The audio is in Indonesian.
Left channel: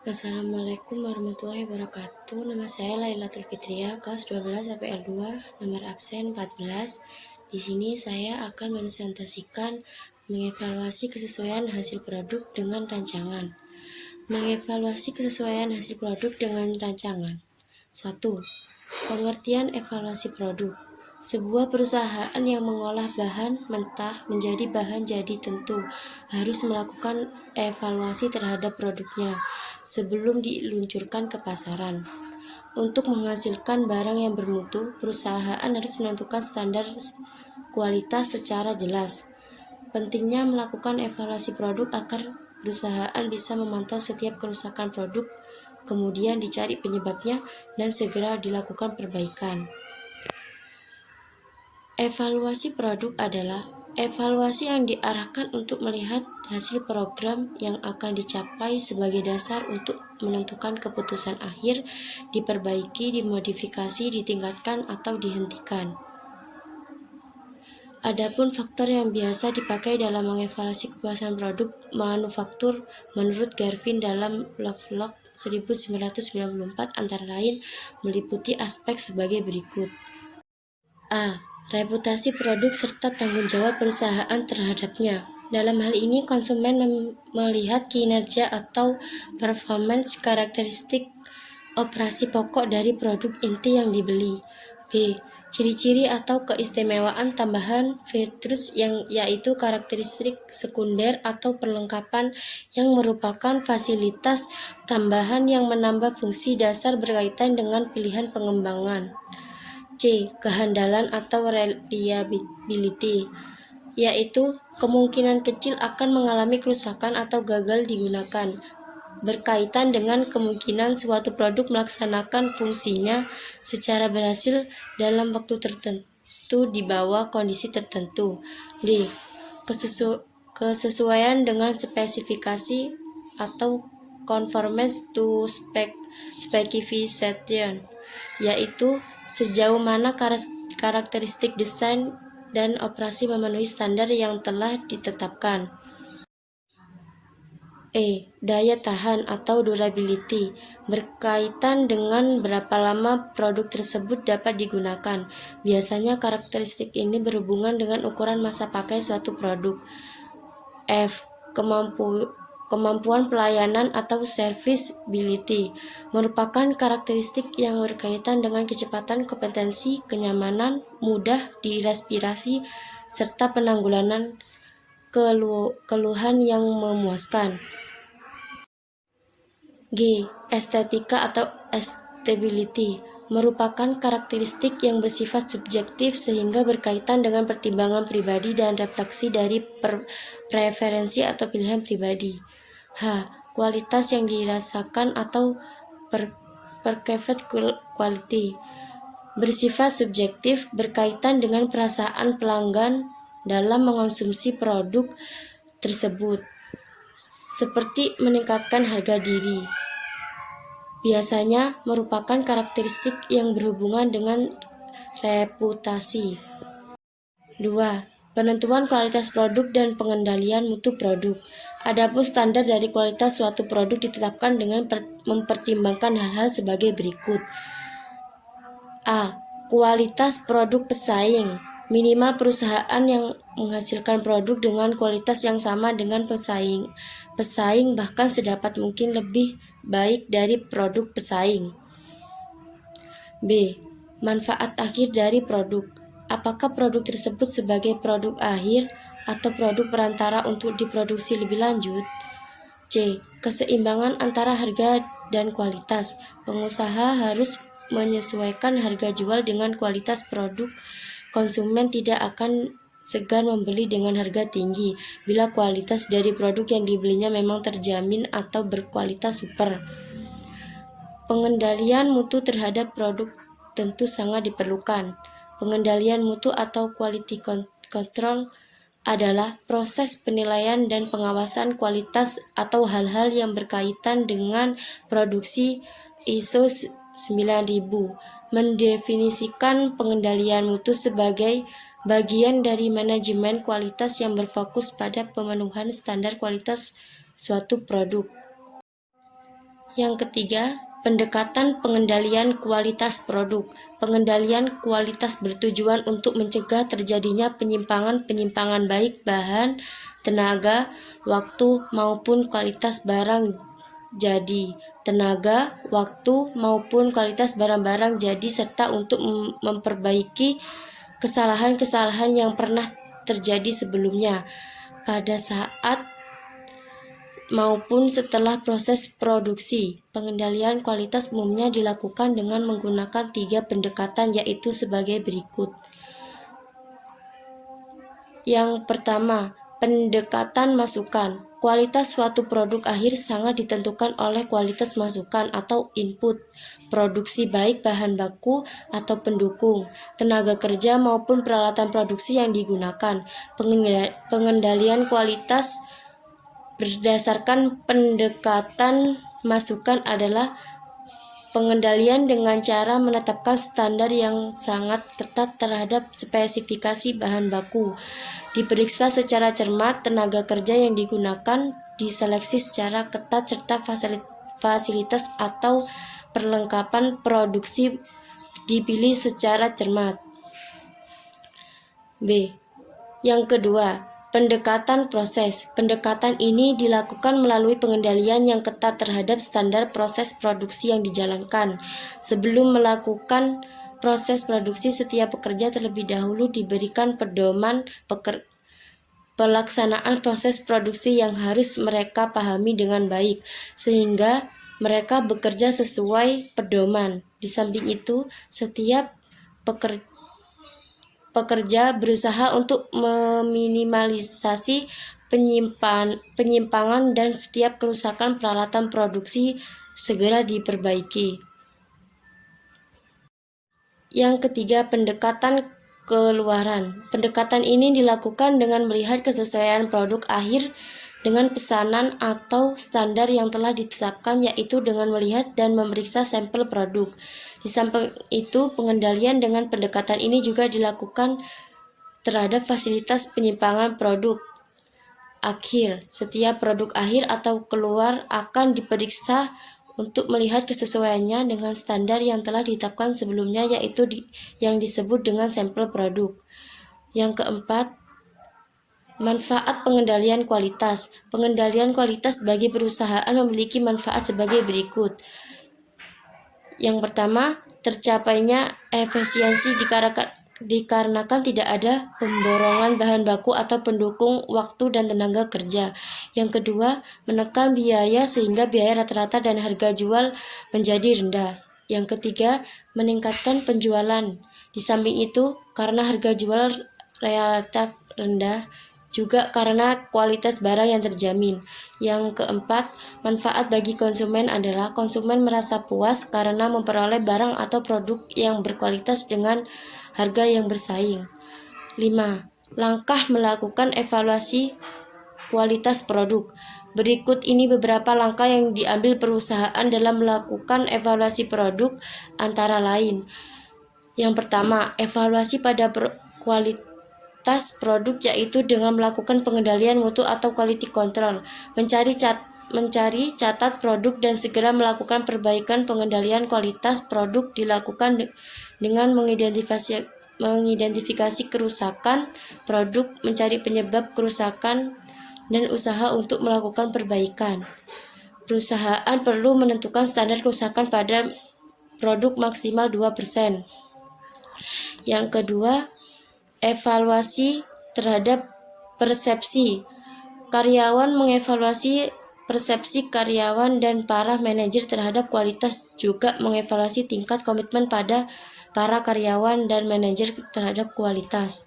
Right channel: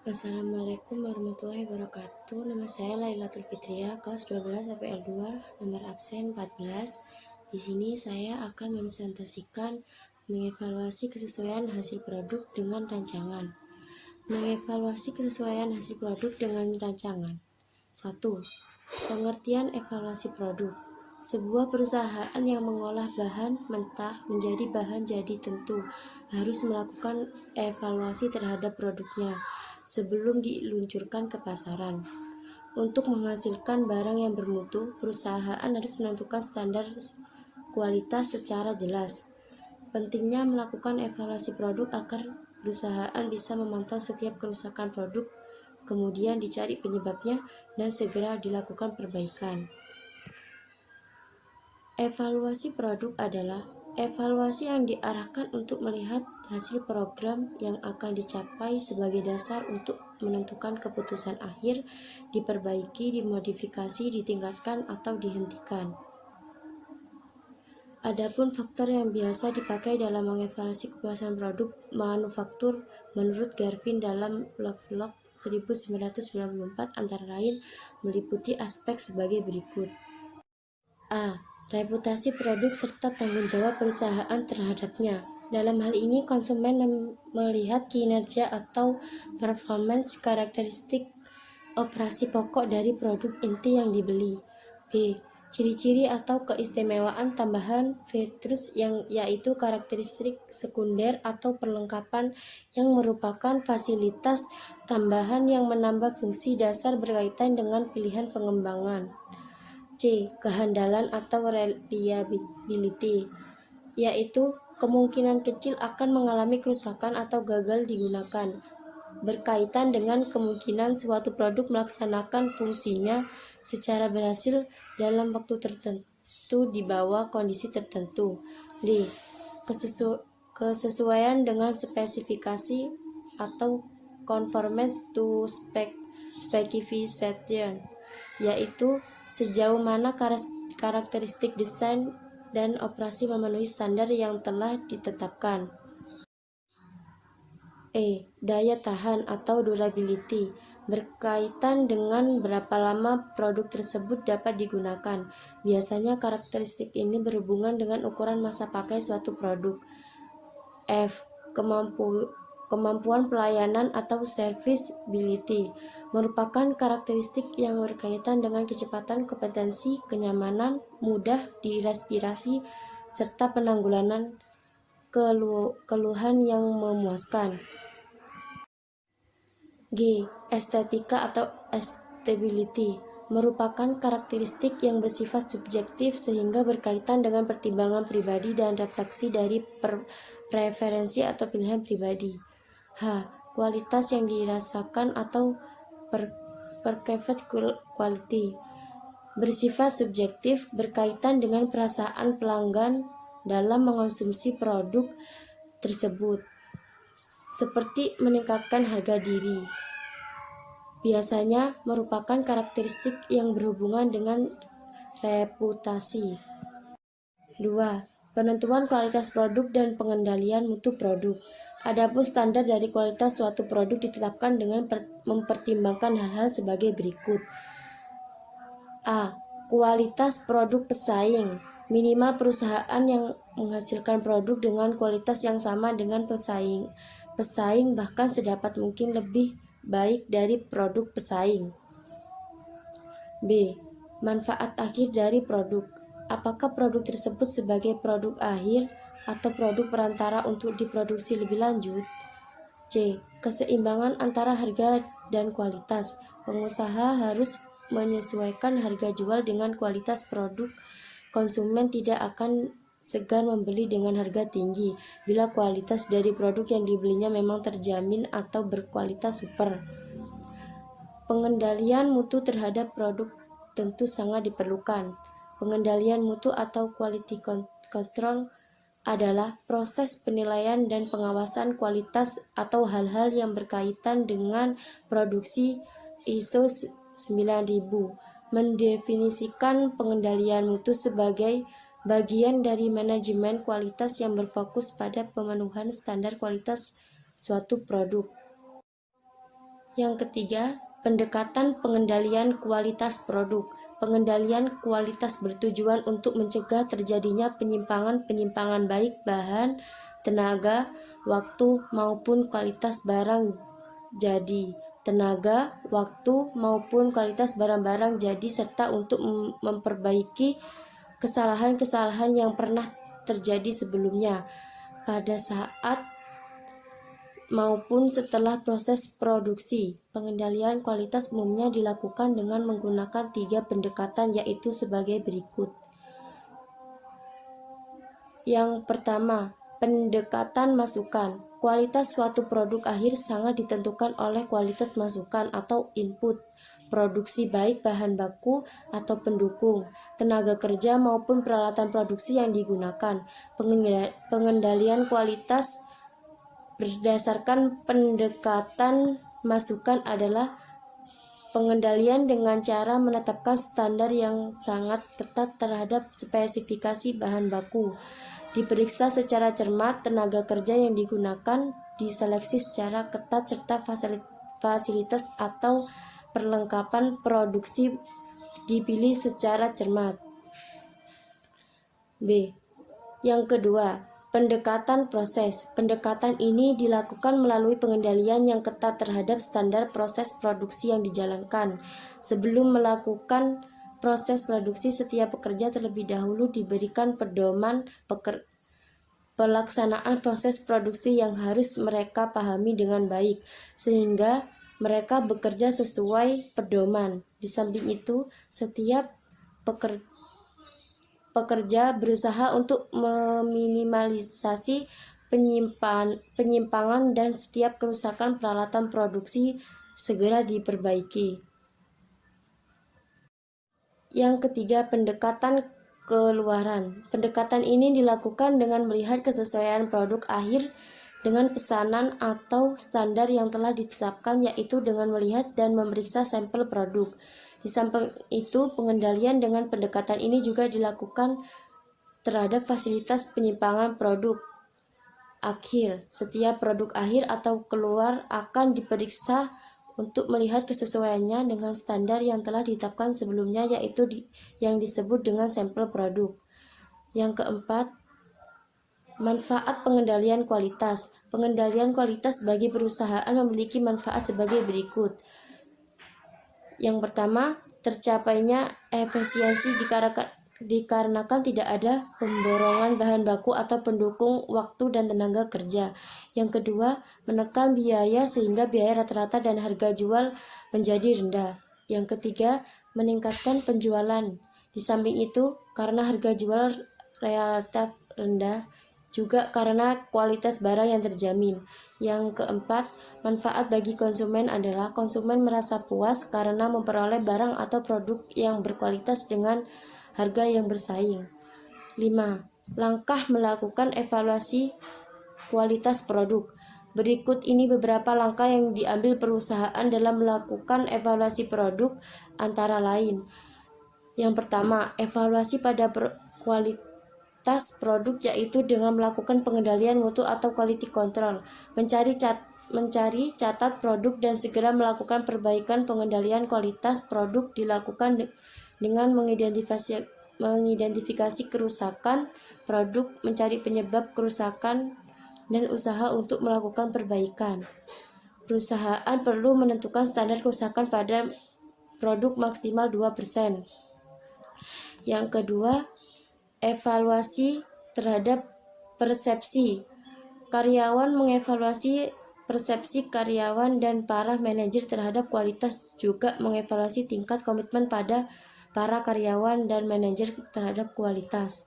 Assalamualaikum warahmatullahi wabarakatuh. Nama saya Lailatul Fitria, kelas 12 APL 2, nomor absen 14. Di sini saya akan presentasikan mengevaluasi kesesuaian hasil produk dengan rancangan. Mengevaluasi kesesuaian hasil produk dengan rancangan. 1. Pengertian evaluasi produk. Sebuah perusahaan yang mengolah bahan mentah menjadi bahan jadi tentu harus melakukan evaluasi terhadap produknya sebelum diluncurkan ke pasaran. Untuk menghasilkan barang yang bermutu, perusahaan harus menentukan standar kualitas secara jelas. Pentingnya melakukan evaluasi produk agar perusahaan bisa memantau setiap kerusakan produk, kemudian dicari penyebabnya dan segera dilakukan perbaikan. Evaluasi produk adalah evaluasi yang diarahkan untuk melihat hasil program yang akan dicapai sebagai dasar untuk menentukan keputusan akhir, diperbaiki, dimodifikasi, ditingkatkan, atau dihentikan. Adapun faktor yang biasa dipakai dalam mengevaluasi kepuasan produk manufaktur menurut Garvin dalam Lovelock 1994 antara lain meliputi aspek sebagai berikut. A. Reputasi produk serta tanggung jawab perusahaan terhadapnya. Dalam hal ini, konsumen melihat kinerja atau performance karakteristik operasi pokok dari produk inti yang dibeli. B. Ciri-ciri atau keistimewaan tambahan features yaitu karakteristik sekunder atau perlengkapan yang merupakan fasilitas tambahan yang menambah fungsi dasar berkaitan dengan pilihan pengembangan. C. Kehandalan atau reliability, yaitu kemungkinan kecil akan mengalami kerusakan atau gagal digunakan, berkaitan dengan kemungkinan suatu produk melaksanakan fungsinya secara berhasil dalam waktu tertentu di bawah kondisi tertentu. D. Kesesuaian dengan spesifikasi atau conformance to specification, yaitu sejauh mana karakteristik desain dan operasi memenuhi standar yang telah ditetapkan. E. Daya tahan atau durability, berkaitan dengan berapa lama produk tersebut dapat digunakan. Biasanya karakteristik ini berhubungan dengan ukuran masa pakai suatu produk. F. Kemampuan pelayanan atau serviceability, merupakan karakteristik yang berkaitan dengan kecepatan, kompetensi, kenyamanan, mudah direspirasi, serta penanggulangan keluhan yang memuaskan. G. Estetika atau stability, merupakan karakteristik yang bersifat subjektif sehingga berkaitan dengan pertimbangan pribadi dan refleksi dari preferensi atau pilihan pribadi. H. Kualitas yang dirasakan atau perceived quality, bersifat subjektif berkaitan dengan perasaan pelanggan dalam mengonsumsi produk tersebut, seperti meningkatkan harga diri. Biasanya merupakan karakteristik yang berhubungan dengan reputasi. 2. Penentuan kualitas produk dan pengendalian mutu produk. Adapun standar dari kualitas suatu produk ditetapkan dengan mempertimbangkan hal-hal sebagai berikut. A. Kualitas produk pesaing. Minimal perusahaan yang menghasilkan produk dengan kualitas yang sama dengan pesaing bahkan sedapat mungkin lebih baik dari produk pesaing. B. Manfaat akhir dari produk. Apakah produk tersebut sebagai produk akhir atau produk perantara untuk diproduksi lebih lanjut? C. Keseimbangan antara harga dan kualitas. Pengusaha harus menyesuaikan harga jual dengan kualitas produk. Konsumen tidak akan segan membeli dengan harga tinggi bila kualitas dari produk yang dibelinya memang terjamin atau berkualitas super. Pengendalian mutu terhadap produk tentu sangat diperlukan. Pengendalian mutu atau quality control adalah proses penilaian dan pengawasan kualitas atau hal-hal yang berkaitan dengan produksi. ISO 9000 mendefinisikan pengendalian mutu sebagai bagian dari manajemen kualitas yang berfokus pada pemenuhan standar kualitas suatu produk. Yang ketiga, pendekatan pengendalian kualitas produk. Pengendalian kualitas bertujuan untuk mencegah terjadinya penyimpangan baik bahan, tenaga, waktu maupun kualitas barang jadi barang jadi serta untuk memperbaiki kesalahan-kesalahan yang pernah terjadi sebelumnya pada saat maupun setelah proses produksi. Pengendalian kualitas umumnya dilakukan dengan menggunakan 3 pendekatan, yaitu sebagai berikut. Yang pertama, pendekatan masukan. Kualitas suatu produk akhir sangat ditentukan oleh kualitas masukan atau input produksi, baik bahan baku atau pendukung, tenaga kerja maupun peralatan produksi yang digunakan. Pengendalian kualitas berdasarkan pendekatan masukan adalah pengendalian dengan cara menetapkan standar yang sangat ketat terhadap spesifikasi bahan baku. Diperiksa secara cermat, tenaga kerja yang digunakan diseleksi secara ketat serta fasilitas atau perlengkapan produksi dipilih secara cermat. B. Yang kedua, pendekatan proses. Pendekatan ini dilakukan melalui pengendalian yang ketat terhadap standar proses produksi yang dijalankan. Sebelum melakukan proses produksi, setiap pekerja terlebih dahulu diberikan pedoman pelaksanaan proses produksi yang harus mereka pahami dengan baik, sehingga mereka bekerja sesuai pedoman. Di samping itu, setiap pekerja berusaha untuk meminimalisasi penyimpangan dan setiap kerusakan peralatan produksi segera diperbaiki. Yang ketiga, pendekatan keluaran. Pendekatan ini dilakukan dengan melihat kesesuaian produk akhir dengan pesanan atau standar yang telah ditetapkan, yaitu dengan melihat dan memeriksa sampel produk. Di samping itu, pengendalian dengan pendekatan ini juga dilakukan terhadap fasilitas penyimpangan produk akhir. Setiap produk akhir atau keluar akan diperiksa untuk melihat kesesuaiannya dengan standar yang telah ditetapkan sebelumnya, yaitu yang disebut dengan sampel produk. Yang keempat, manfaat pengendalian kualitas. Pengendalian kualitas bagi perusahaan memiliki manfaat sebagai berikut. Yang pertama, tercapainya efisiensi dikarenakan tidak ada pemborongan bahan baku atau pendukung waktu dan tenaga kerja. Yang kedua, menekan biaya sehingga biaya rata-rata dan harga jual menjadi rendah. Yang ketiga, meningkatkan penjualan. Di samping itu, karena harga jual relatif rendah, juga karena kualitas barang yang terjamin. Yang keempat, manfaat bagi konsumen adalah konsumen merasa puas karena memperoleh barang atau produk yang berkualitas dengan harga yang bersaing. 5. Langkah melakukan evaluasi kualitas produk. Berikut ini beberapa langkah yang diambil perusahaan dalam melakukan evaluasi produk, antara lain. Yang pertama, evaluasi pada kualitas produk, yaitu dengan melakukan pengendalian mutu atau quality control, mencari catat produk dan segera melakukan perbaikan. Pengendalian kualitas produk dilakukan dengan mengidentifikasi kerusakan produk, mencari penyebab kerusakan, dan usaha untuk melakukan perbaikan. Perusahaan perlu menentukan standar kerusakan pada produk maksimal 2%. Yang kedua, evaluasi terhadap persepsi. Karyawan mengevaluasi persepsi karyawan dan para manajer terhadap kualitas, juga mengevaluasi tingkat komitmen pada para karyawan dan manajer terhadap kualitas.